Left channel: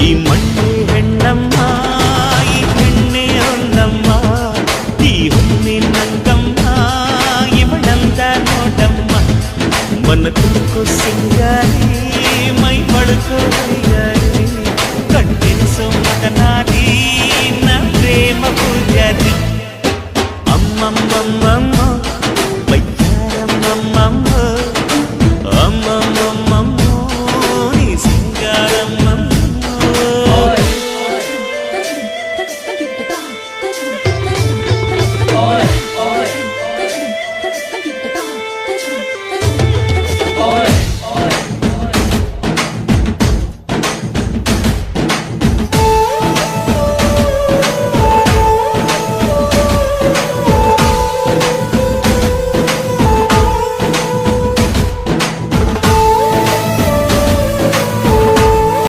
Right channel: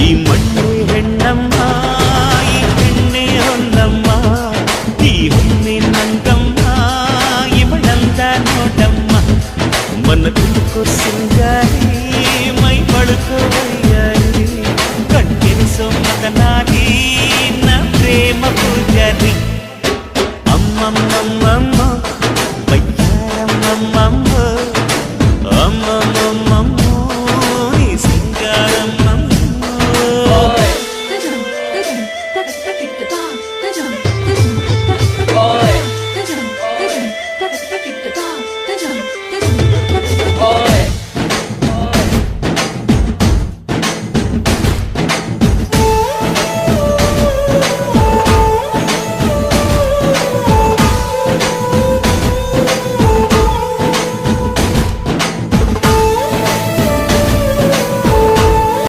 ಈ ಮಣ್ಣೆ ಹೆಣ್ಣಮ್ಮ ಈ ಹೆಣ್ಣೆ ಹೊನ್ನಮ್ಮ ಈ ಹೊನ್ನಿನಂಗಮ್ಮ ಇವಳಂದ ನೋಡಮ್ಮ మన తుమ్కో సింగారి మై పడుకో వయ్యారి కంటిరిసో మదనారి నా ప్రేమ పూజారి అమ్మమ్మమ్మ